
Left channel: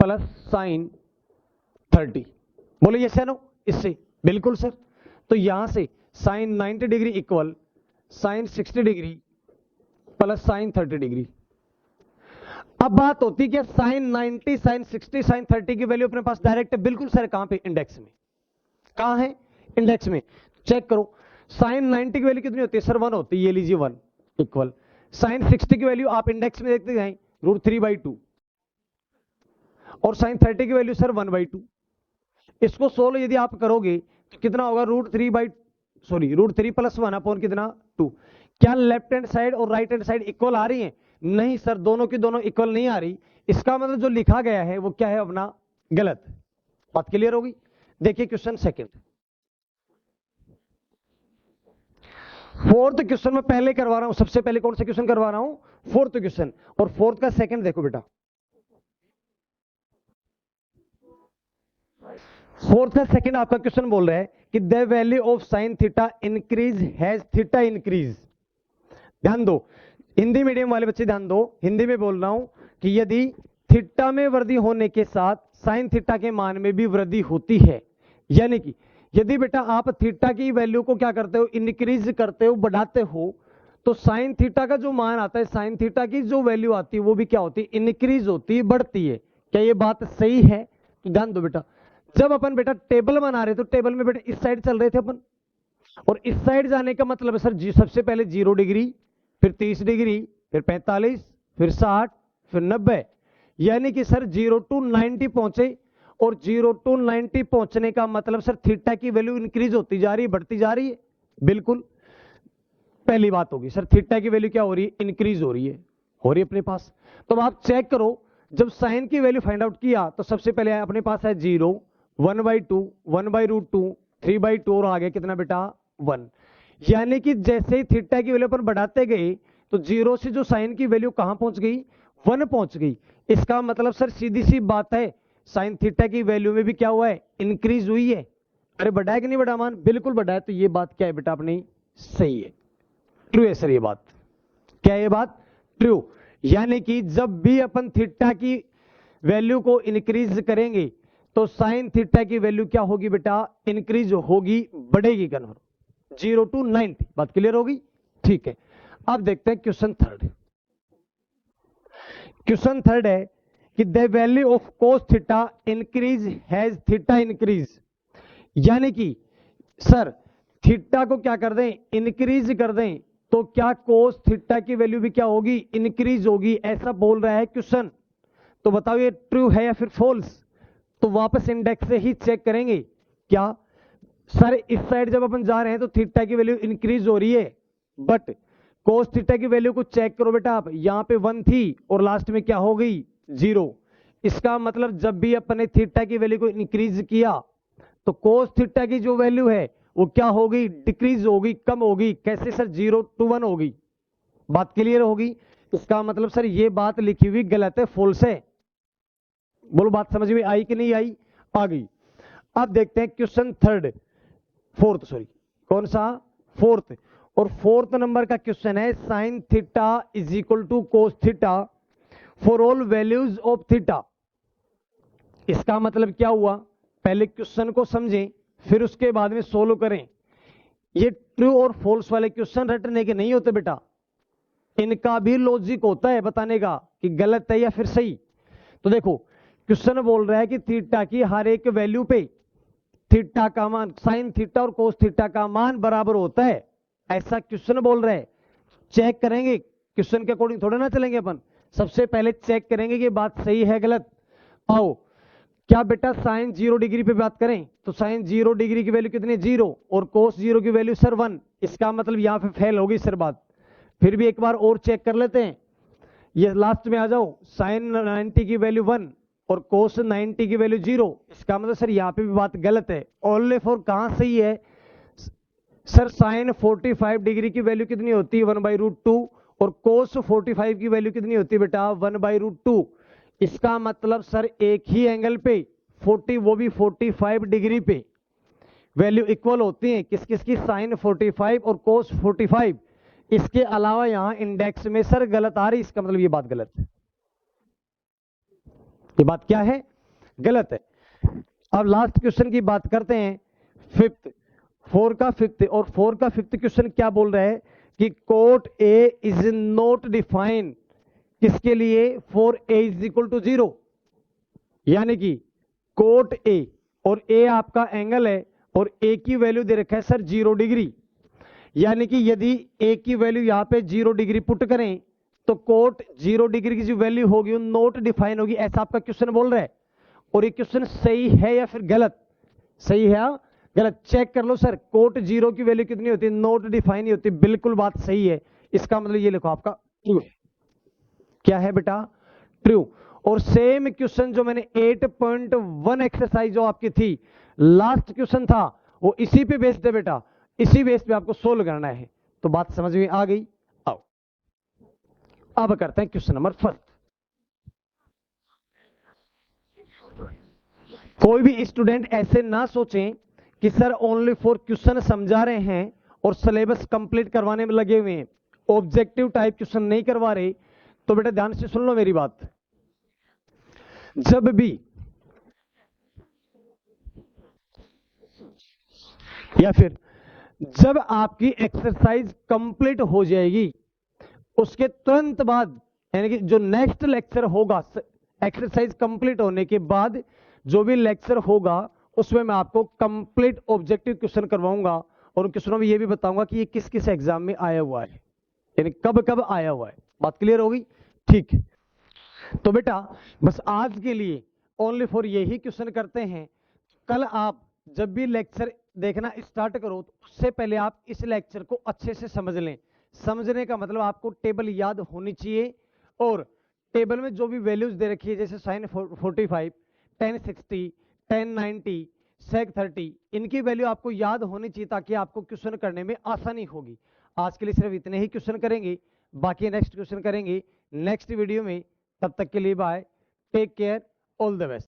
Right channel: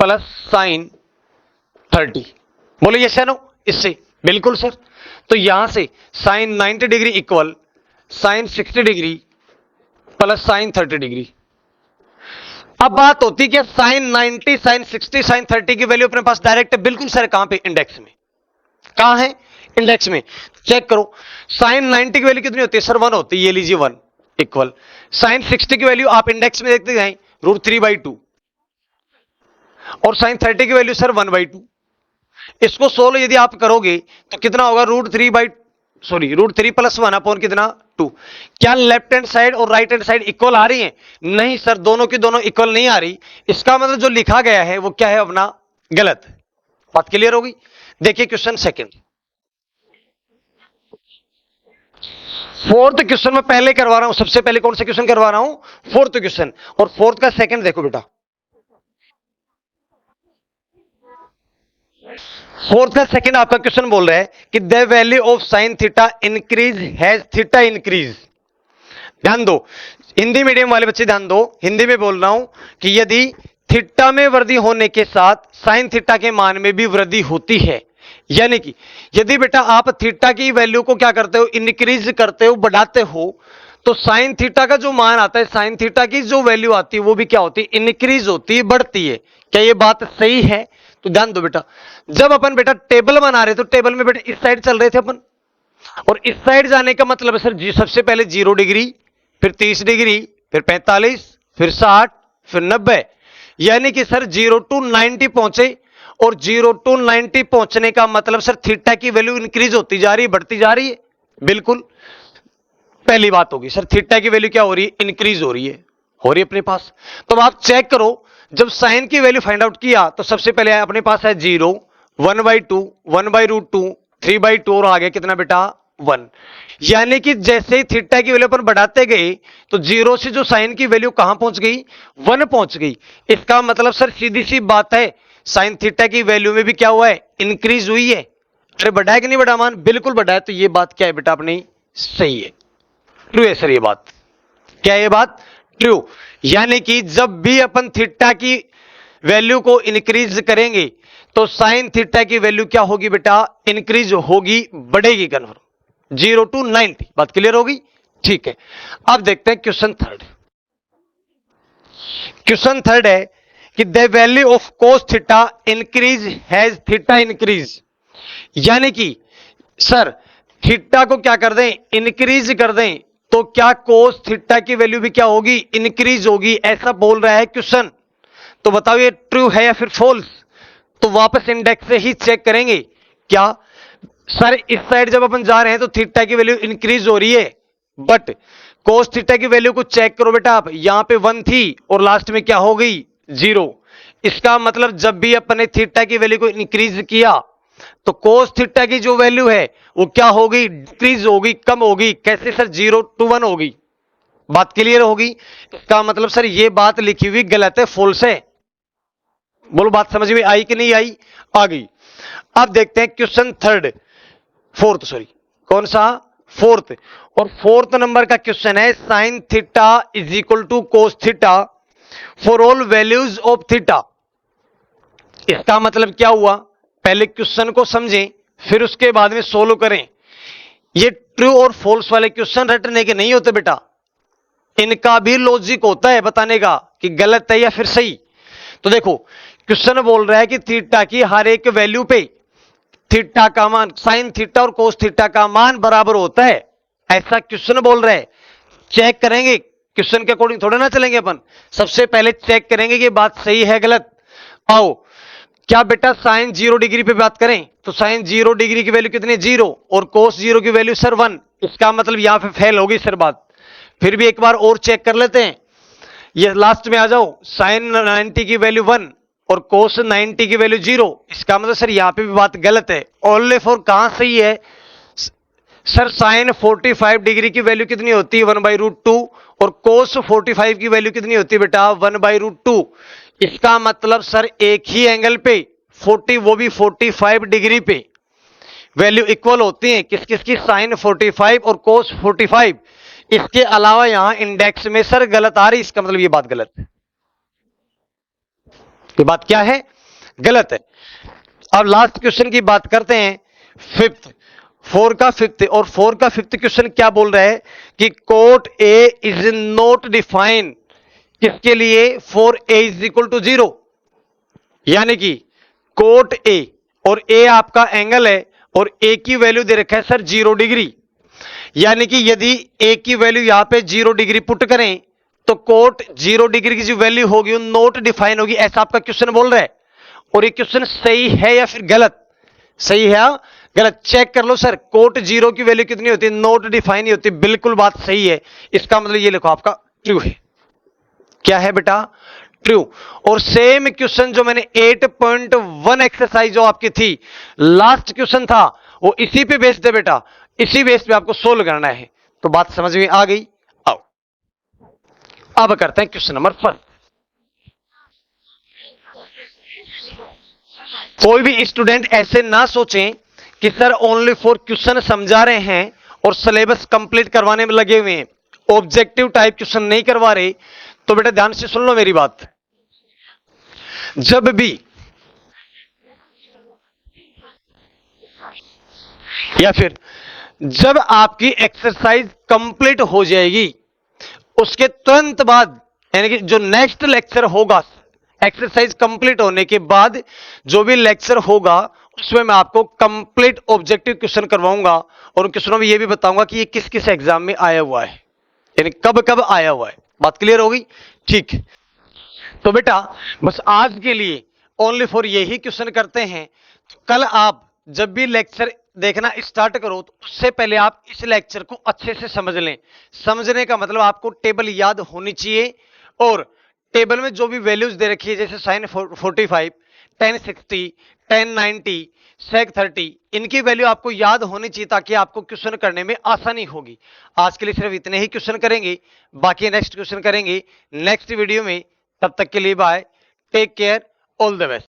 plus sine 30। बोलो यस या नो, इससे बिल्कुल सर। तो यहां से sine 90 degree equal sine 60 degree plus sine 30 degree. अब बात होती है कि साइन 90 साइन 60 साइन 30 की वैल्यू अपने पास डायरेक्ट है, बिल्कुल सर। कहां पे, इंडेक्स में। कहां है, इंडेक्स में। चेक करो, साइन 90 की वैल्यू कितनी होती है सर, 1 होती है, ये लीजिए 1 इक्वल साइन 60 की वैल्यू आप इंडेक्स में देखते जाएं, √3/2, और साइन 30 की वैल्यू सर 1/2। इसको सोल्व यदि आप करोगे तो कितना होगा, √3 प्लस 1 अपॉन कितना, 2। क्या लेफ्ट हैंड साइड और राइट हैंड साइड इक्वल आ रही है, नहीं सर, दोनों की दोनों इक्वल नहीं आ रही। इसका मतलब जो लिखा गया है वो क्या है अपना, गलत। बात क्लियर होगी। देखिए क्वेश्चन सेकंड, फोर्थ क्वेश्चन में पहले करवा रहा हूं, सबसे पहले कौन सा क्वेश्चन करवा रहा हूं, फोर्थ क्वेश्चन। और फोर्थ का सेकंड देखो बेटा, फोर्थ का सेकंड आपका क्वेश्चन बोल रहा है कि the value of sine theta increase has theta increase. ध्यान दो, हिंदी मीडियम वाले बच्चे ध्यान दो, हिंदी में बोल रहा हूं कि यदि थीटा में वृद्धि होने के साथ साइन थीटा के मान में भी वृद्धि होती है, यानी कि यदि बेटा आप थीटा की वैल्यू को क्या करते हो, इंक्रीज करते हो, बढ़ाते हो, तो साइन थीटा का जो मान आता है, साइन थीटा की जो वैल्यू आती है वो भी क्या होती है, इंक्रीज होती है, बढ़ती है। क्या ये बात सही है। तो ध्यान दो बेटा, जब अपन बेटा टेबल बना रहे तो टेबल में बेटा इस साइड चल रहे थे अपन, और इस साइड जाने का मतलब है सर जी, सबसे पहले 0 डिग्री, फिर 30 डिग्री, फिर 45, फिर 60, फिर 90, यानी कि सर 0 to 90 पहुंचे, और 0 to 90 पहुंचने का मतलब सर थीटा की वैल्यू इंक्रीज होती जा रही है, बढ़ती जा रही है। बिल्कुल पहली बात होगी सर, थीटा की वैल्यू क्या हो रही है, इंक्रीज हो रही है अपने पास। तो आप चेक करो, जब साइन की वैल्यू फाइंड आउट किया तो सबसे पहले अपने पास है 0, 1/2, 1/√2, 3/2, और आगे कितना बेटा 1। यानी कि जैसे ही थीटा की वैल्यू अपन बढ़ाते गए तो 0 से जो साइन की वैल्यू कहां पहुंच गई, 1 पहुंच गई। इसका मतलब सर सीधी सी बात है, साइन थीटा की वैल्यू में भी क्या हुआ है, इंक्रीज हुई है। अरे बढ़ा है कि नहीं बढ़ा मान, बिल्कुल बढ़ा है। तो ये बात क्या है बेटा अपनी, सही है, ट्रू है सर ये बात। क्या ये बात ट्रू? यानी कि जब भी अपन थीटा की वैल्यू को इंक्रीज करेंगे तो साइन थीटा की वैल्यू क्या होगी बेटा, इंक्रीज होगी, बढ़ेगी कन्फर्म। 0 to 90, बात क्लियर होगी? ठीक है, अब देखते हैं क्वेश्चन थर्ड। क्वेश्चन थर्ड है कि the value of cos theta increase has theta increase. यानी कि सर थीटा को क्या कर दें, इंक्रीज कर दें, तो क्या कोस थीटा की वैल्यू भी क्या होगी, इंक्रीज होगी, ऐसा बोल रहा है क्वेश्चन। तो बताओ ये ट्रू है या फिर फॉल्स? तो वापस इंडेक्स से ही चेक करेंगे। क्या सर इस साइड जब अपन जा रहे हैं तो थीटा की वैल्यू इंक्रीज हो रही है, बट कोस थीटा की वैल्यू को चेक करो बेटा आप, यहां पे 1 थी और लास्ट में क्या हो गई, 0। इसका मतलब जब भी अपन ने थीटा की वैल्यू को इंक्रीज किया तो कोस थीटा की जो वैल्यू है वो क्या होगी, डिक्रीज होगी, कम होगी। कैसे सर, 0 to 1 होगी। बात क्लियर होगी? इसका मतलब सर ये बात लिखी हुई गलत है, फॉल्स है। बोलो बात समझ में आई कि नहीं आई? आ गई। अब देखते हैं क्वेश्चन थर्ड, फोर्थ सॉरी, कौन सा, फोर्थ। और फोर्थ नंबर का क्वेश्चन है sine theta is equal to cos theta for all values of theta. इसका मतलब क्या हुआ, पहले क्वेश्चन को समझें फिर उसके बाद में सोल्व करें। ये ट्रू और फॉल्स वाले क्वेश्चन रटने के नहीं होते बेटा, इनका भी लॉजिक होता है बताने का कि गलत है या फिर सही। तो देखो क्वेश्चन बोल रहा है कि थीटा की हर एक वैल्यू पे थीटा का मान, साइन थीटा और कोस थीटा का मान बराबर होता है, ऐसा क्वेश्चन बोल रहा है। चेक करेंगे, क्वेश्चन के अकॉर्डिंग थोड़ा ना चलेंगे अपन, सबसे पहले चेक करेंगे कि बात सही है गलत। आओ, क्या बेटा साइन 0 डिग्री पे बात करें तो साइन 0 डिग्री की वैल्यू कितनी, 0, और कोस 0 की वैल्यू सर 1। इसका मतलब यहां पे फेल होगी सर बात। फिर भी एक बार और चेक कर लेते हैं, ये लास्ट में आ जाओ, साइन 90 की वैल्यू 1 और कोस 90 की वैल्यू 0। इसका मतलब सर यहां पे भी बात गलत है। ओनली फॉर कहां सही है सर, साइन 45 डिग्री की वैल्यू कितनी होती है, 1/√2, और कोस 45 की वैल्यू कितनी होती है बेटा, 1/√2। इसका मतलब सर एक ही एंगल पे 40, वो भी 45 डिग्री पे वैल्यू इक्वल होती है, किस किस की, साइन 45 और कोस 45। इसके अलावा यहां इंडेक्स में सर गलत आ रही, इसका मतलब ये बात गलत है। ये बात क्या है, गलत है। अब लास्ट क्वेश्चन की बात करते हैं, फिफ्थ, 4 का फिफ्थ। और 4 का फिफ्थ क्वेश्चन क्या बोल रहा है कि cot A is not define, किसके लिए, for A is equal to 0। यानी कि कोट ए, और ए आपका एंगल है और ए की वैल्यू दे रखा है सर 0 डिग्री। यानी कि यदि ए की वैल्यू यहां पे 0 डिग्री पुट करें तो कोट 0 डिग्री की जो वैल्यू होगी वो नॉट डिफाइन होगी, ऐसा आपका क्वेश्चन बोल रहा है। और ये क्वेश्चन सही है या फिर गलत, सही है गलत, चेक कर लो सर। कोट 0 की वैल्यू कितनी होती है, नॉट डिफाइन ही होती है, बिल्कुल बात सही है। इसका मतलब ये लिखो आपका ट्रू है। क्या है बेटा, ट्रू। और सेम क्वेश्चन जो मैंने 8.1 एक्सरसाइज जो आपकी थी, लास्ट क्वेश्चन था, वो इसी पे बेस्ड है बेटा, इसी बेस पे आपको सोल्व करना है। तो बात समझ में आ गई? आओ अब करते हैं क्वेश्चन नंबर 1। कोई भी स्टूडेंट ऐसे ना सोचें कि सर ओनली फॉर क्वेश्चन समझा रहे हैं और सिलेबस कंप्लीट करवाने में लगे हुए हैं, ऑब्जेक्टिव टाइप क्वेश्चन नहीं करवा रहे। तो बेटा ध्यान से सुन लो मेरी बात, जब भी या फिर जब आपकी एक्सरसाइज कंप्लीट हो जाएगी उसके तुरंत बाद, यानी कि जो नेक्स्ट लेक्चर होगा एक्सरसाइज कंप्लीट होने के बाद, जो भी लेक्चर होगा उसमें मैं आपको कंप्लीट ऑब्जेक्टिव क्वेश्चन करवाऊंगा और उन क्वेश्चनों में यह भी बताऊंगा कि ये किस किस एग्जाम में आया हुआ है, यानी कब कब आया हुआ है। बात क्लियर होगी? ठीक। तो बेटा बस आज के लिए ओनली फॉर यही क्वेश्चन करते हैं। कल आप जब भी लेक्चर देखना स्टार्ट करो तो उससे पहले आप इस लेक्चर को अच्छे से समझ लें। समझने का मतलब आपको टेबल याद होनी चाहिए, और टेबल में जो भी वैल्यूज दे रखी है जैसे साइन 45, tan 60, tan 90, सेक 30, इनकी वैल्यू आपको याद होनी चाहिए ताकि आपको क्वेश्चन करने में आसानी होगी। आज के लिए सिर्फ इतने ही क्वेश्चन करेंगे, बाकी नेक्स्ट क्वेश्चन करेंगे नेक्स्ट वीडियो में। तब तक के लिए bye, take care, all the best.